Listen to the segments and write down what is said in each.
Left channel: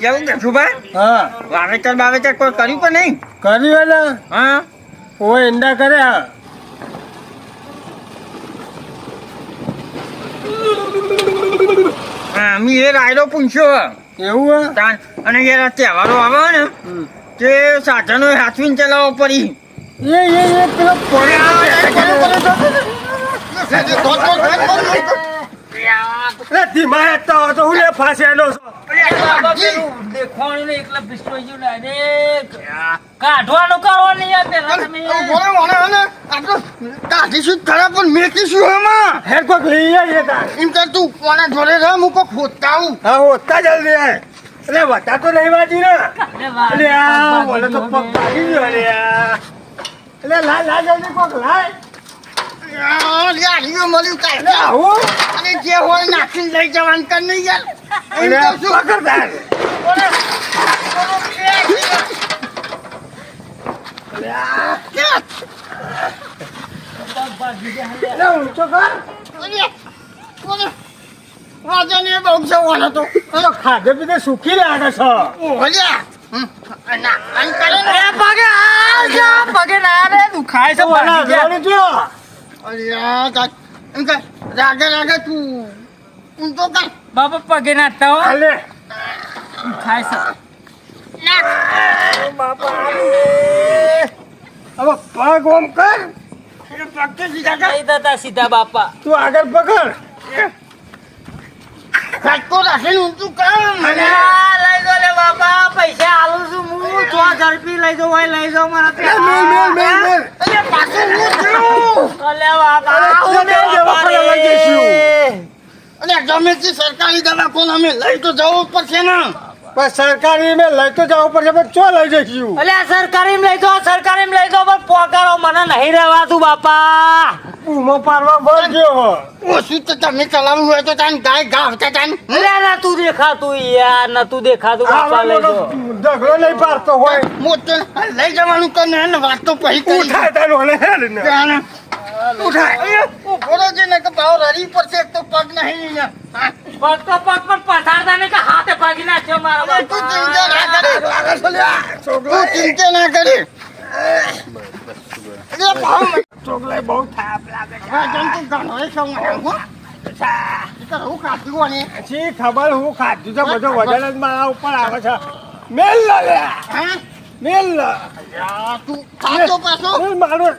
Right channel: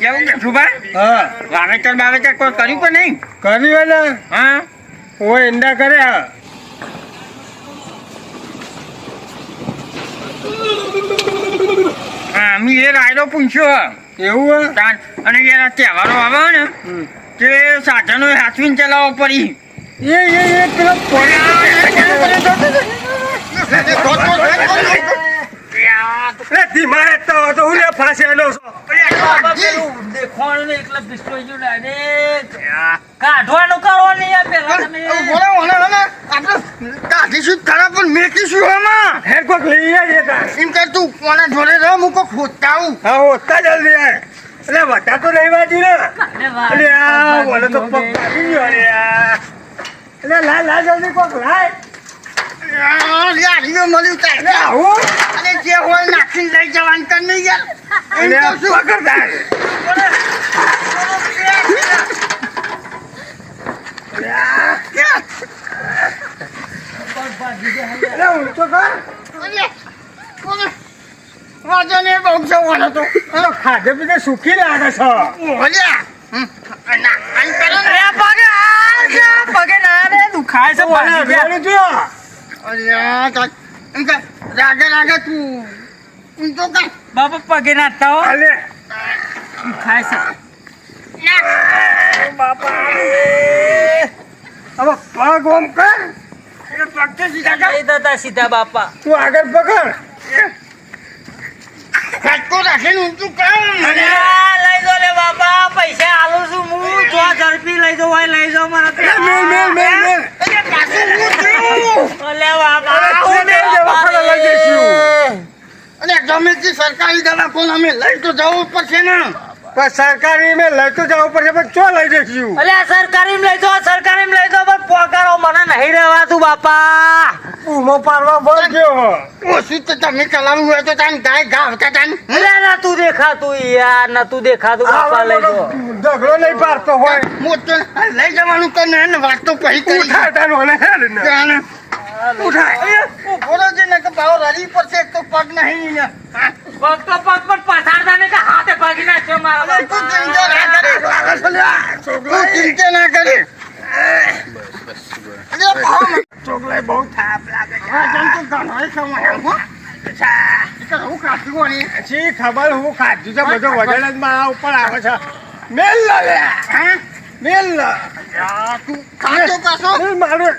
કેવું કે શું ભાઈ? હા વાવેતર બાવેતર કોઈ કર્યું કે નહીં? કર્યું ને હા ઓય ઈંડા કર્યા અમે એ રાયડો પૂછ્યો એવું હે અને યાર તહેવારો આવે ને તે સાધનો હાથવીને ચલાવવા પડી. એ પેલો પડે ધીમા હેઠતા હોય તો હું લે ફાંસેલો છો કાઢવાનું કરો નહીં આ પેલા તમે કાઢીશું ખરા પણ મેકીશું એમાં હેર કોક લઈ આવીએ તાર એમ કે તું કોના જોડે રહ હું કોક ખોદતા આવું. હા હોતા જલ્દી યાર એટલે વટા તો નહીં વાજી ને એટલે આ બોલે તો પગ પાડી ગયો એટલે લા જલ્દી કોક લાય યારીઓ મળ્યું તારે આવું અને જે હોય નાખીને લઈ જવાનું કર નહીં યાર. એમ એટલે તો શું? પકડ તાર એટલે ઊંચો કર વાંધો નહીં, બહુ જવાનો તો અરે ખાધે પીધે સુખી લાગે છે ઓલ્યા આમ કરો ને. પગે ના રે દુખાય છે ઓલા જોડે જો અલ્યા એમ કે રાગે રાગે તું ઊંચો કર. બાપા પગે નાખતા હો અલે દુખાય છે હવે પગ ઓમ કર એ પગથી સીધા કર. નહીં થતા સીધા બાપા તું આગળ પકડ ફટકો રાખીને ઊંચું કર. લઈ દો લે બાપા પૈસા આલું છું હું જો ઝડપી લઈ દો હોય લઈ જાઓ મારા મેલ મેલ અરે પાછું હું થયું? અલે બાપા અરે તું મેલ જવા પર લઈ જઈશું. અને ગમે તે સરકારી દવાખાને અમે લઈ તો જવું જ પડશે ને. પણ સરકારી મેં લઈ તો જવું પડશે પણ ચો લઈ જઈશું અલે સરકારી લઈ દો સરકારી લઈ દો પણ પોકારો મને નહીં રહેવાતું બાપા ઉમો પાડવા બોલ ગયો ઓછું તો તમે ચલાવવું હોય તો તાન ગાય ગાવતા તાન. અલે નતું દેખાતું યાર નતું દેખાતું બાપા લઈ દો ઝઘડો નહીં પાડતો હોય મોટો લઈ જવાનું તો ને વાત તો પછી કરી. ઉઠાય તારું અને હેડ ને જાણે. ઉઠાય. ઉભો રહેજે ને કે ભાવ રડી પડશે, એક તો પગ નહીં ને. હા. પગ તો પગ પર પસારતા ને કે હાથે પગી નાખ્યો મારો અરે તું ચિંતા ના કરે. તું ચિંતા ના કરે. અરે ભાવ ચોકલાય બહુ થાપ લાગે છે રાજન તું ઘણોય ખવડાવ્યો, હો. એ તો હું કાઢી કોની? શી ખબર હું ખાધું છે બધો વજન જ મારા ઉપર આવે છે મેલ લે હા? મેલ તું ખાતો પાછો? મેલ મારું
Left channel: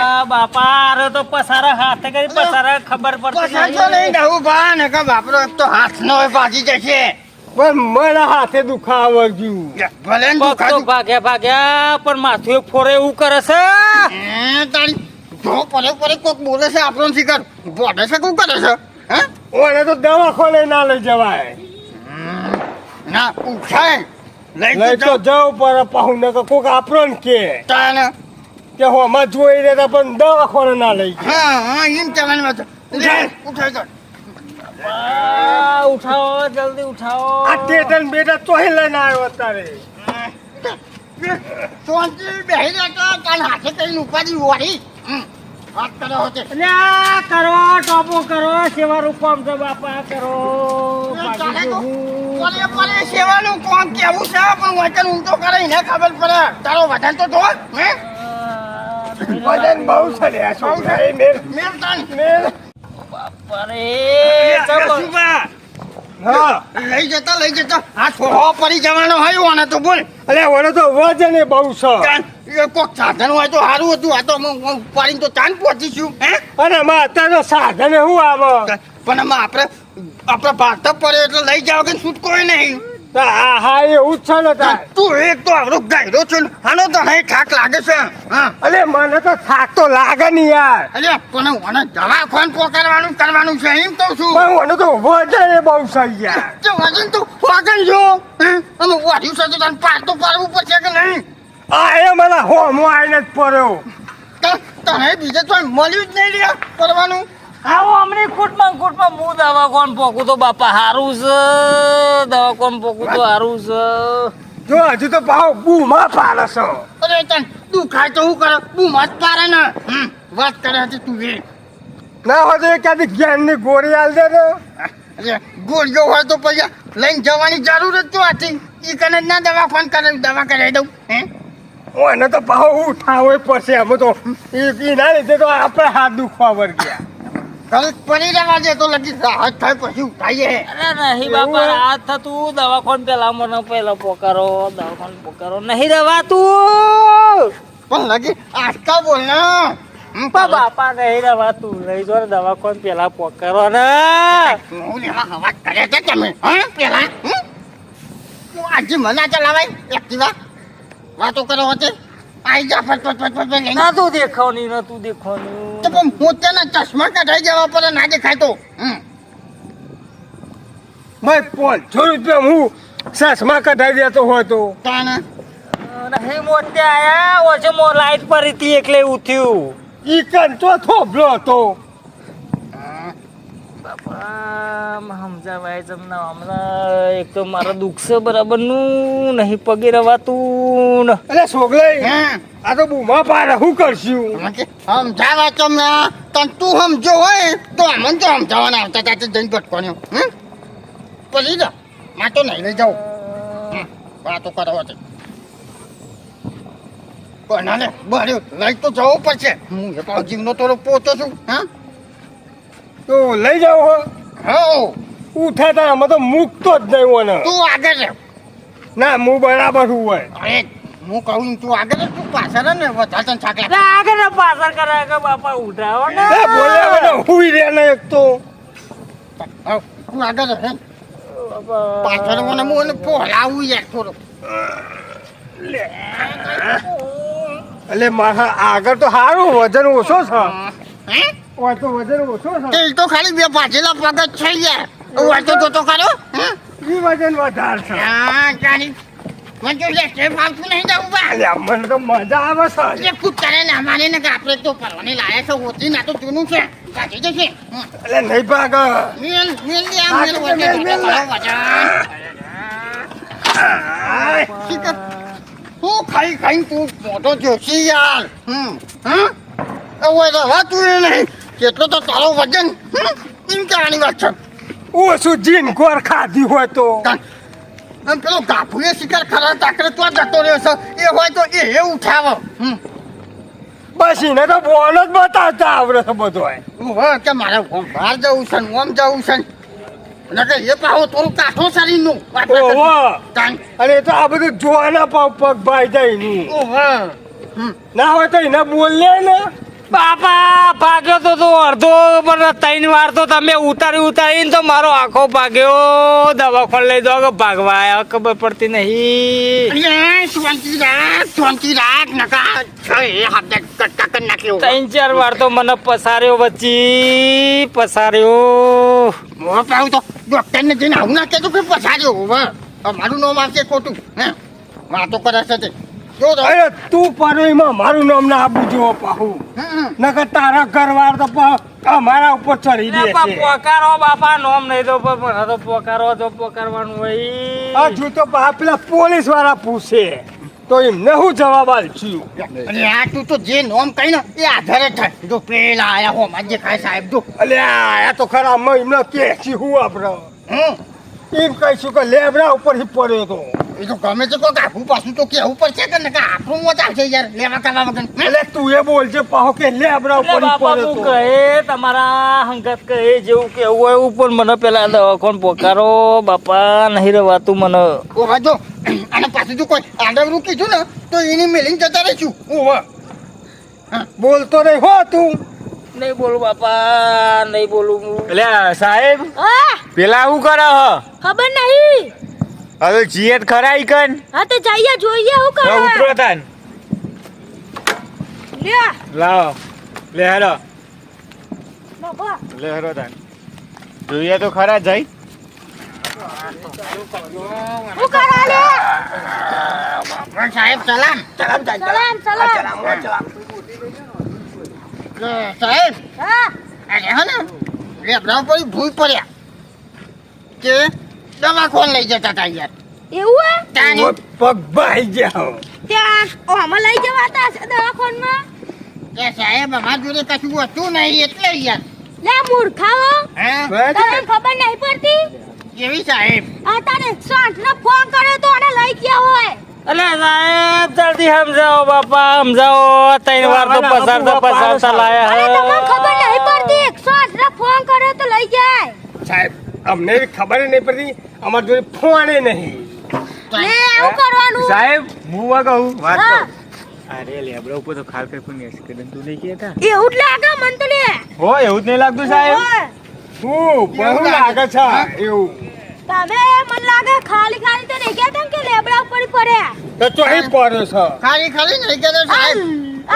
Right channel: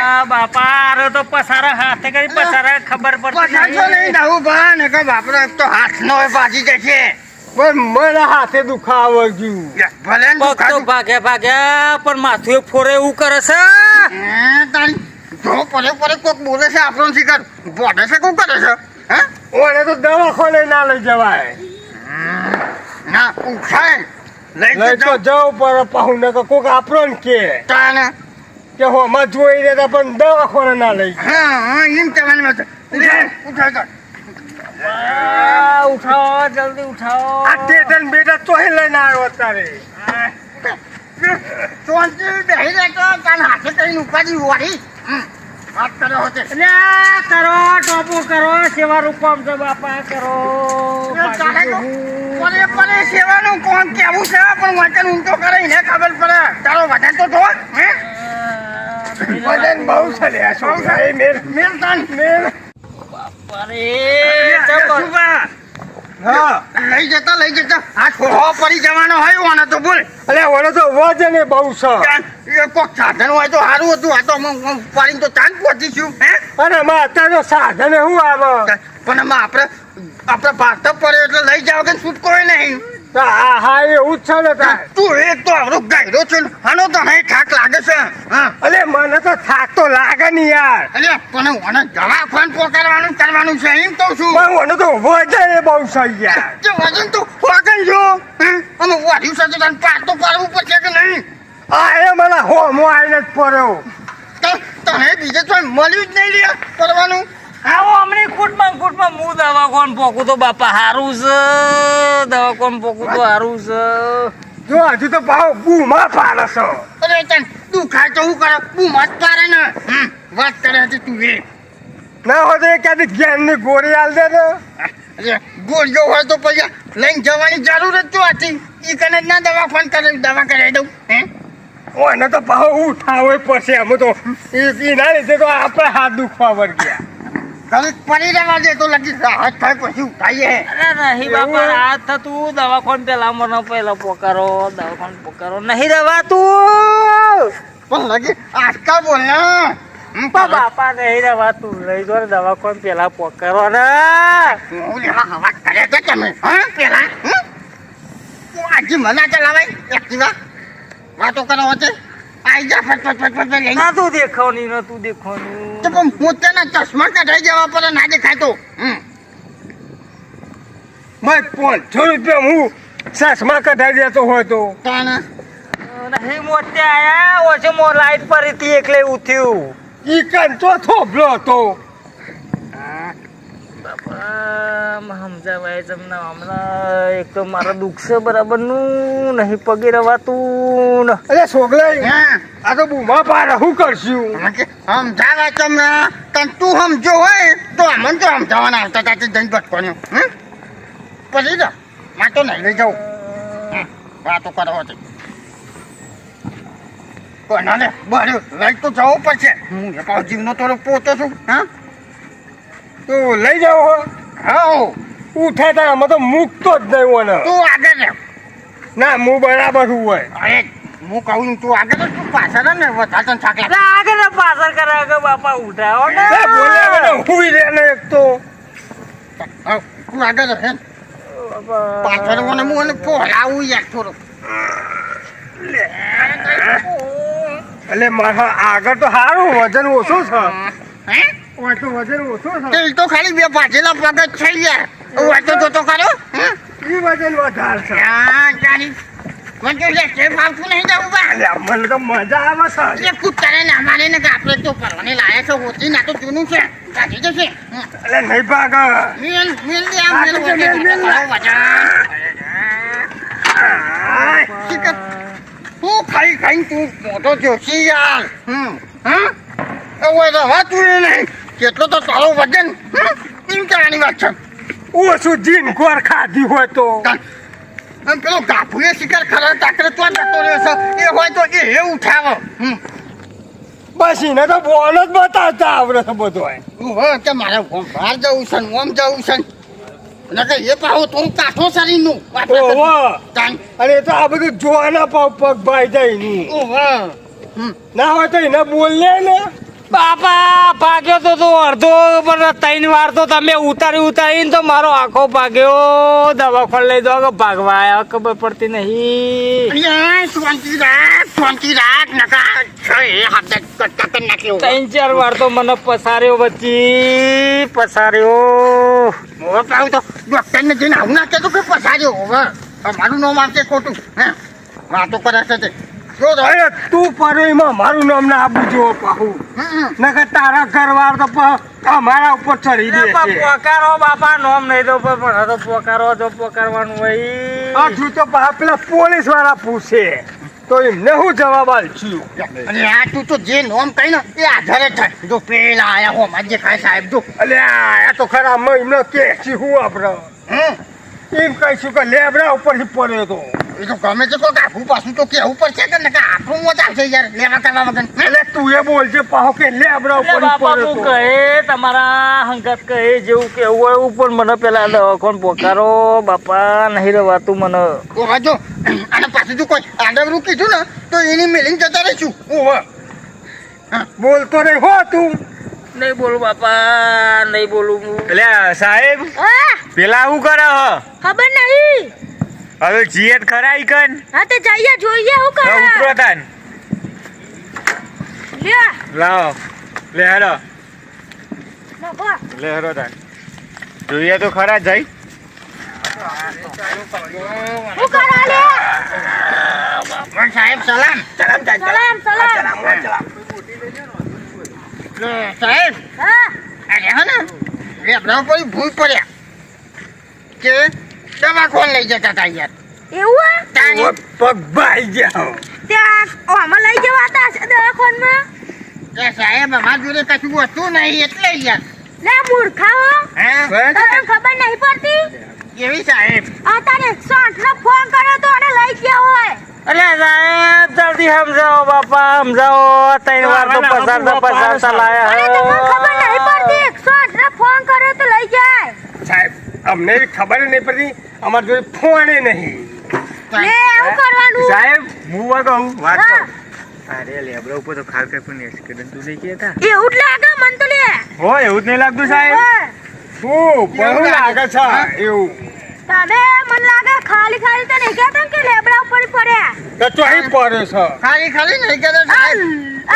આ બાપા આરો તો પસારા હાથે કરી પસારા ખબર પડતી પસાજો નહીં ડહું ભા, ને કે બાપરો એક તો હાથ નો હોય પાછી જશે. પણ મને હાથે દુખાવા ગયું ભલે ને પગ તો દુખાતું. ભાગ્યા પણ માથું એક ફોરે એવું કરે છે તારી જો પરે પરે કોક બોલે છે આપણો શિકાર બોડે છે કોક કરે છે. હે? ઓને તો દવાખાને ના લઈ જવાય ના ઉઠાય લઈ લઈ તો જવું પડે પાહુ ને તો કોક આપણો ને તાને. કે હોમાં જોઈ રહેતા પણ દવાખાને ના લઈ હા હા એમ કહેવાનું હતું. ઉઠાય ઉઠાય તો. ઉઠાવો જલ્દી ઉઠાવો આ ટેટન બેટા ચોહી લઈને આવ્યો અત્યારે શાંતિ બેહી રહેતો તાન હાથે કઈ ઉપાડી વળી. વાત કરે હોતે. અલ્યા કરો ટોપો કરો સેવાનું કામ છે બાપા કરો બાકી હું પરે પરે સેવાનું કોણ કેવું છે પણ વચન ઊંચો કરે એને ખબર પડે. તારો વચન તો જો. હે? વજન બહુ છે લે આ છોકરા એ મેલ મેમ તાન. મેલ અરે સુભા. હા લઈ જતા આ છોડો પડી જવાનો હોય ઓને તો બોલ. અલે ઓને તો વજન એ બહુ છે એ કોક સાધન હોય તો સારું હતું. આ તો પાડીને તો તાન પહોંચીશું. હે? અને માં અત્યારે તો સાધન શું આવે પણ એમાં આપણે ભારત પડે એટલે લઈ જાવ કે છૂટકો નહીં. હા હા એવું જ છે ને તાર તું એક તો આવડો ગાયરો છે ને, આનો તો નહીં થાક લાગે છે. હા અલે મને તો થાક તો લાગે નહીં યાર અરે કોને ઓને દવાખાન પોકારવાનું કરવાનું છે એમ તો શું. પણ ઓને તો વજન એ બહુ છે યાર તે વજન તો વાગન જો. અમે વાઢ્યું છે તો તને પાર તો પાડવું પડશે કે નહીં. આ એ મને હોમો આવીને જ પડ્યો તને બીજે તો મળ્યું જ નહીં લે કરવાનું. આવો અમની કુટમાં હું દવા કોણ પોકું તો બાપા હારું છે દવા કોણ પોકું તો હારું છે જો હજુ તો ભાવ બૂમા પાડે છે અરે તને દુખાય તો શું કરે તું મત પાડે ને. વાત કરે હતી તું એ. ના હોય તો એકાદી જ્ઞાનની ગોળી આલ દે ને અરે ગોળીઓ હોય તો પછી લઈને જવાની જરૂર જ તો હતી ઈ કને જ ના દવા કરાવી દઉં હે ઓને તો ભાવ ઉઠાવે પડશે અમે તો એના લીધે તો આપણે હાથ દુખવા વર્ગ્યા ઘરે પડી રહેવા દે તો લગી રાહત થાય પછી ઉઠાઈએ અરે નહીં બાપા રાત થતું દવાખાન પેલા મને પહેલા પોકારો દવાખાન પોકારો નહીં રવાતું પણ લગી આજકાલ બોલ ને બાપા નહીં રવાતું લઈ જો દવાખાન પેલા પોકારો ને હું લેવા હવા કરે છે તમે હા પેલા તું આજે મના ચલાવાય એક્ટિવા વાતો કરો હોતે આઈ જા ફટ લઈને નતું દેખાવાનું તો પણ પોતાના ચશ્મા કઢાઈ જવા પર ના દેખાય તો મેં 500 રૂપિયા હું ચશ્મા કઢાઈ દેતો હોય તો તાણા નહીં મોટે આયા ઓછે મો લાઈટ પર હતી એટલે ઉઠ્યું ઈ કન તો થોભલો હતો બાપા સમજાવાય તમને હમણાં એક તો મારા દુઃખ છે બરાબરનું નહીં પગે રવાતું ને અરે સોગલાઈ હા આ તો બૂમા પાડે શું કરશું સમજાવા તમને તને તું સમજો હોય તો અમને તો સમજાવવાના આવતા હતા જઈને ભટકોને પછી તો માં તો નહીં લઈ જાઉં વાતો કરો હતી પણ ને બરે લઈ તો જવું પડશે હું એકાદ જીવનો થોડો પોતો છું હા તો લઈ જાઓ હો હા ઉઠે તાર અમે તો મૂકતો જ નહીં હોય તું આગળ રહે ના હું બરાબર છું હોય અરે હું કહું તું આગળ તું પાછળ ને વધારે તને થાક લાગે આગળ પાછળ કરે કે બાપા ઉઠાવો ને એ બોલ્યા હુઈ રે ને એક તો તું આગળ રહે પાછળ મને હું પોહલાવું યાર થોડું એટલે મારા આગળ તો સારું વજન ઓછો છે હે હોય તો વજન ઓછો છે તે તો ખાલી બે પાછલા પગ જ થઈ ગયા વાંચો તો ખરો ઈ વજન વધારે છે હા જાની મને તો લેશે ફાવતું નહીં જવું બા અલ્યા, મને તો મજા આવે છે એ કૂતરે ના માને ને કે આપણે તો પરવાને લાયા છે હોતી ના તો જૂનું છે કાઢી જશે એટલે નહીં ભાગ મેલ મેલ લે આ મેલ વજન હું ખાઈ ખાઈ તું મોટો જોશી યાર હા હવે રવાતું નહીં કેટલો તો તારો વજન એમ કહેવાની વાત છે ઓછું જીન ગોર ખાધી હોય તો આમ પેલો ગાભુએ શિકાર ખરા તાકરે તો જતો રહ્યો છે એ હોય તો એ ઉઠાવો બસ એને તો બોલ જ બતાવતા આવડે છે બધો ઓહો તે મારે ઓમ બહાર જવું છે ને ઓમ જવું છે ને કે એ પાહો થોડું કાઠો શરીરનું ઓહો અને એ તો આ બધું જોવાના પગ ભાઈ જાય ની ઓહો ના હોય તો એને બોલ લે ને બાપા ભાગ્યો તો અડધો પણ 3 વાર તો તમે ઉતારીને તો મારો આખો ભાગ્યો દવાખાને લઈ દો કે ભાગવા આવ્યા ખબર પડતી નહીં શાંતિ રાખ નકા એ હાથ કટ નાખ્યો 3-4 વાર તો મને પસાર્યો વચ્ચી પસાર્યો મોહ પાઉં તો ડોક્ટર ને જઈને આવું ના કહેતું કે પછાડ્યો હવે મારું નામ આવશે ખોટું હે વાતો કરે છે તે જો તો અરે તું પરેમાં મારું નામ ના આપું જો પાહુ નકર તારા ઘરવાર તો અમારા ઉપર ચડી દે છે પોકારો બાપા નોમ નહીં તો પણ તો પોકારો તો પોકારવાનું હોય હજુ તો પેલા પોલીસ વાળા પૂછે તો એમને હું જવાબ આલશું અને આ તું તો જે નોમ કહી ને એ આધારે થાય જો પેલા આયા હો માજે ખાય સાહેબ જો અલ્યા આ તો ખરા એમને કે છે હું આપણે એમ કહીશું કે લેબડા ઉપરથી પડ્યો તો એ તો ગમે છે કોઈ આખું પાછું તો કેવું પડશે કે ને કે આપણું મોત આવશે યાર લેવા કરવા વગર એટલે તું એ બોલજે પાહો કે લેબડા ઉપરથી બાપા પડ્યો તું તો કહે તમારા હંગાત કહે જેવું કેવું હોય એવું પણ મને પેલા દવાખાને પોકારો બાપા નહીં રવાતું મને ઓહો જો અને પાછું જો કોઈ આડવરું કીધું ને તો એની મેલિંગ જતા રહીશું ઓહો બોલતો નહીં હો તું નહીં બોલું બાપા નહીં બોલું એટલે સાહેબ પેલા શું કરે ખબર નહીં હવે જીએટ ખરા ઈ કન હા તો જઈએ જોઈએ હું કરે ઉતરો તાન લે લાવો લે હેરો ના બા લે હેરો તાન જોઈએ તો ખરા જઈ હું કરે લે સાહેબ સલામ સલામ સાહેબ હા અરે હા ને લેબડા પર ભૂલ પડ્યા કે દવાખાને લઈ જતા હતા યાર એવું હે તાની પગ ભાઈ જાઓ ત્યાં આમાં લઈ જવાતા છે દવાખાનમાં કે સાહેબ અમારા જોડે કશું વસ્તુ નહીં એટલે યાર લે મૂર્ખાઓ હે તમને ખબર નહીં પડતી કેવી સાહેબ અત્યારે 108 નો ફોન કર્યો તો અને લઈ ગયા હોય. અરે સાહેબ જલ્દી સમજાવો બાપા સમજાવો 3 વાર તો પસારતા લાયા અરે તમને હે. ખબર નહીં પડતી 108 નો ફોન કર્યો તો લઈ જાય. સાહેબ અમને ખબર નહીં પડતી અમાર જોડે ફોને નહીં. લે એવું કરવાનું. સાહેબ હું કહું વાત હા. કહું અરે લેબડા ઉપર તો ખાલ ફેંકું એક્સિડન્ટ તું નહીં કહેતા એવું જ લાગે મન તો લે. હો એવું જ નહીં લાગતું સાહેબ ઓય, શું બહુ લાગે છે એવું તમે મને લાગે ખાલી ખાલી તો નહીં કહેતા ને કે લેબડા ઉપર ઈ પડ્યા. તો ચોહી પડ્યો છે. ખાલી નહીં કહેતો સાહેબ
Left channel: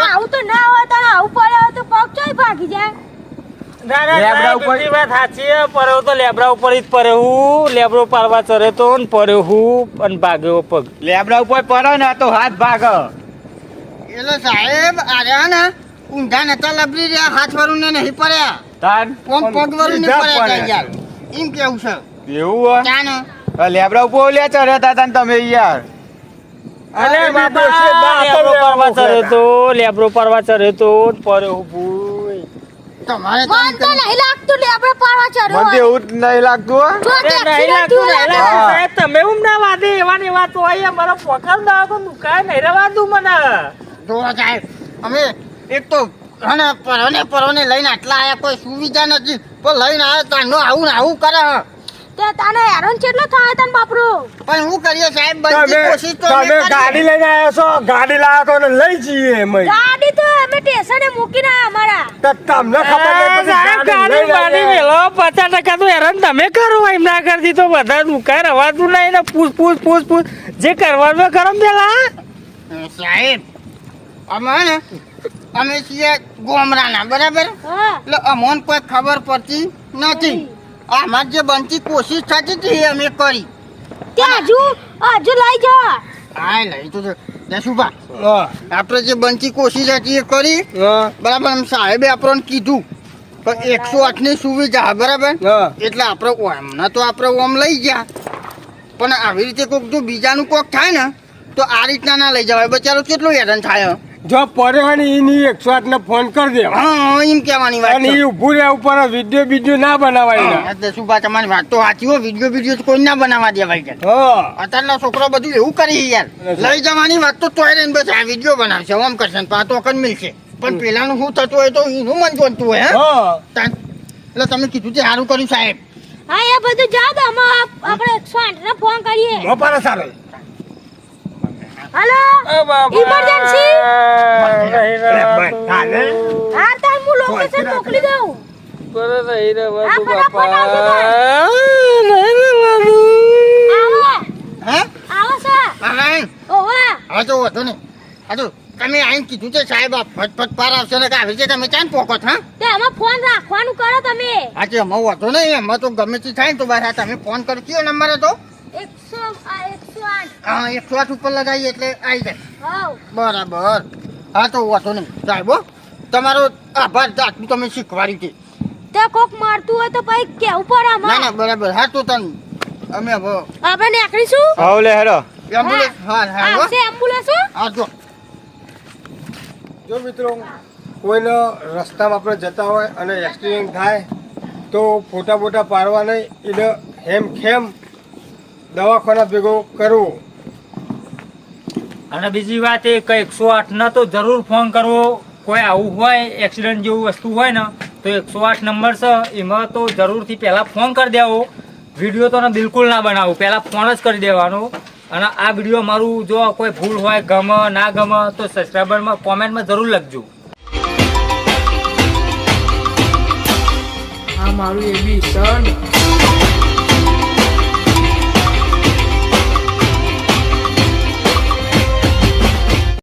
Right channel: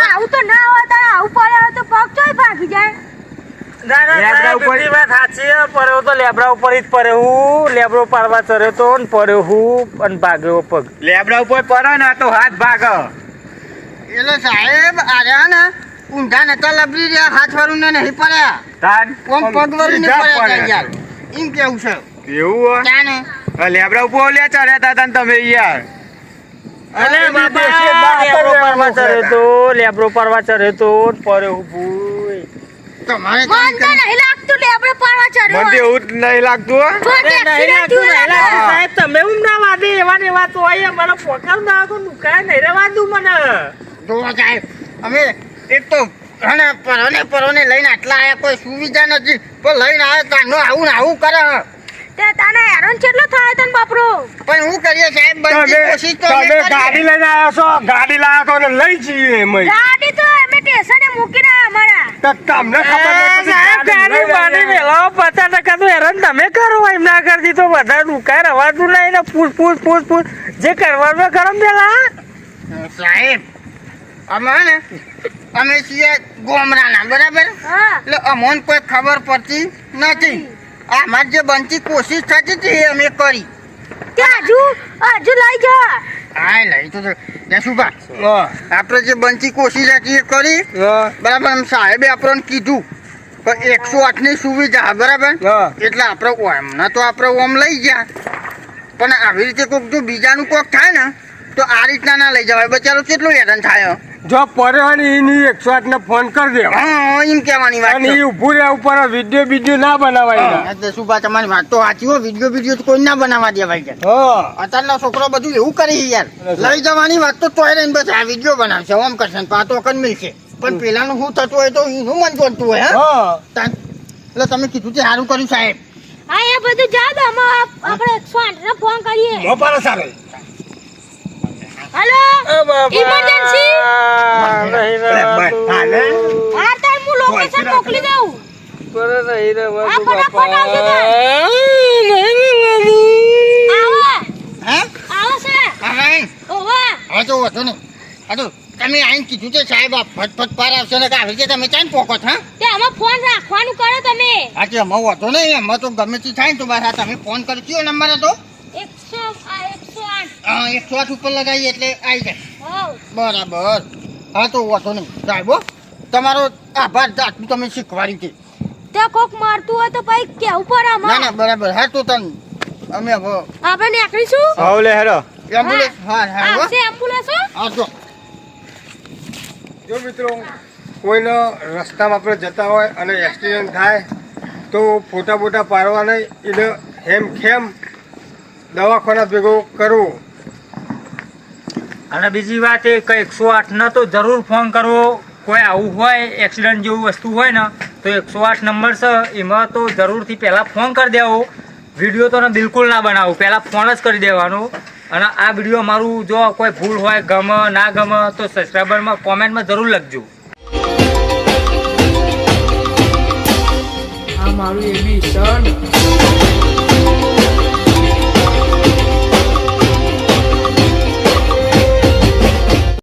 આવું તો ના હોય તો આવું પડે હોય તો પગ ચોય ભાગી જાય. લેબડા ઉપર વાત સાચી છે, પડ્યો તો લેબડા ઉપર જ પડ્યો હું લેબડો પારવા ચર્યો તો ને પડ્યો હું અને ભાગ્યો પગ. લેબડા ઉપર પડે ને તો હાથ ભાગ એટલે સાહેબ આર્યા ને ઊંધા નતા લબડી રહ્યા હાથ વાળું ને નહીં પડ્યા તાન કોમ પગ વાળું ને સીધા પડ્યા પડ્યા. યાર એમ કેવું છે એવું હોય ત્યાં લેબડા ઉપર લે ચડ્યા તા તમે યાર અરે અરે બાબા, દેશે બા લેબડો કરે પારવા એવું ચર્યો કરે. તો લેબડો પારવા ચર્યો તો ને પડ્યો હું ભૂઈ. તમારે મન તો નહીં લાગતું લેબડા પાડવા ચડ્યો મને તો હોય. એવું જ નહીં લાગતું હો. તો અરે નહીં accident લાગતું, થયું નહીં લાગે. લાગતું. સાહેબ તમે હું ના વાદે એવા ને એવા તો હોય મારા પોકાર ના તો નુકાય નહીં રવાતું મને. જોવા સાહેબ અમે એક તો પરોને લઈને આટલા આયા કોઈ સુવિધા નથી પણ લઈને આવ્યા તાનો આવું ને આવું કરે તે તને હેરાન કેટલો થાય તને બાપરો. પણ હું કરીએ સાહેબ બનતી કોશિશ તો અમે તમે ગાડી કરીએ. લઈને આવ્યો છો ગાડી લાવ્યો તો ને લઈ જઈએ એમ ગાડી તો અમે સ્ટેશને મૂકીને અમારા. તો તમને ખબર નહીં પડી સાહેબ ગાડી ગાડી બાડી લઈને મેલો 50% તો હેરાન તમે કરો એમ ના કરતી તો બધા નુકાય રવાતું નહીં ને પૂછ જે કરવાનું એ કરો ને પેલા. સાહેબ અમે ને અમે છીએ ગોમરાના બરાબર હા. એટલે અમોને કોઈ ખબર પડતી નથી અમારે જે બનતી કોશિશ થતી હતી એ અમે કરી તે હજુ લઈ જા. હા લઈ તો જશુભા હા, આપણે જે બનતી કોશિશ હતી એ કરી હા, બરાબર આમ સાહેબે આપણને કીધું કે 108 ની સુવિધા બરાબર હા. એટલે આપણે એમના તો આપણે ઓમ લઈ ગયા પણ આવી રીતે કોઈક જો બીજાનું કોઈક થાય ને તો આ રીતના ના લઈ જવાય બચારો કેટલું હેરાન થાય જો પડ્યો હોય ને એની 108 ને ફોન કરી દેવા હા એમ કહેવાની વાત અને છે. એ ઉભું રહ્યા ઉપર વિડીયો ના બનાવાય હા, એટલે શું બા તમારી વાત તો સાચી હો વિડીયો તો કોઈ ના બનાવવા દેવાય છે હા અત્યારના છોકરો બધું એવું કરી યાર લઈ જવાની વાત તો તોય રહીને બસ આ વિડીયો બનાવશે ઓમ કરશે ને પાતો કન મિલશે પણ પેલાનું શું થતું હોય તો એનું મન જોતું હોય હે હા એટલે તમે કીધું તે સારું કર્યું સાહેબ હા એ બધું જા દે અમે આપણે 108 ને ફોન કરીએ. મોપારા સારો હાલો ઇમરજન્સી. નહીં રવાતું. હા તે હું લોકેશન મોકલી દઉં. બરે નહીં રવાતું આ બાપા. ફટાફટ નહીં રવાતું. આવે હે આવે છે. હા ઓવા હવે તો વધુ નહીં હા તો તમે આઈને કીધું છે સાહેબ આ ફટફટ પાર આવશે ને કે આવી રીતે તમે ચાન પોકો છો હા તે અમે ફોન રાખવાનું કરો તમે. આજે એમાં વધુ નહીં એમાં તો ગમે તે થાય ને તો બસ આ તમે ફોન કરી કયો નંબર હતો 108. હા 108 ઉપર લગાવીએ એટલે આવી જાય હાઉ. બરાબર હા તો વધુ નહીં સાહેબ હો તમારો આભાર આટલું તમે શીખવાડી હતી તે કોક મારતું હોય તો પછી કેવું પડે ના અમારે. ના બરાબર હા તો તને અમે હવે આપણે નીકળીશું. હાવ લે હેરો એમ્બ્યુલન્સ હા હા હો. આવશે એમ્બ્યુલન્સ હો. હા જો જો મિત્રો કોઈનો રસ્તામાં આપણે જતા હોય અને એક્સિડન્ટ થાય તો ફોટા બોટા પાડવા નહીં એને હેમખેમ દવાખાના ભેગો કરવો. અને બીજી વાત એ કે 108 ને તો જરૂર ફોન કરવો કોઈ આવું હોય એક્સિડન્ટ જેવું વસ્તુ હોય ને તો 108 નંબર છે એમાં તો જરૂરથી પહેલાં ફોન કરી દેવો વિડીયો તો બિલકુલ ના બનાવવું પહેલાં ફોન જ કરી દેવાનો અને આ વિડીયો મારું જો કોઈ ભૂલ હોય ગમે ના ગમે તો સબસ્ક્રાઈબરમાં કોમેન્ટમાં જરૂર લખજો. આ મારું એબી સન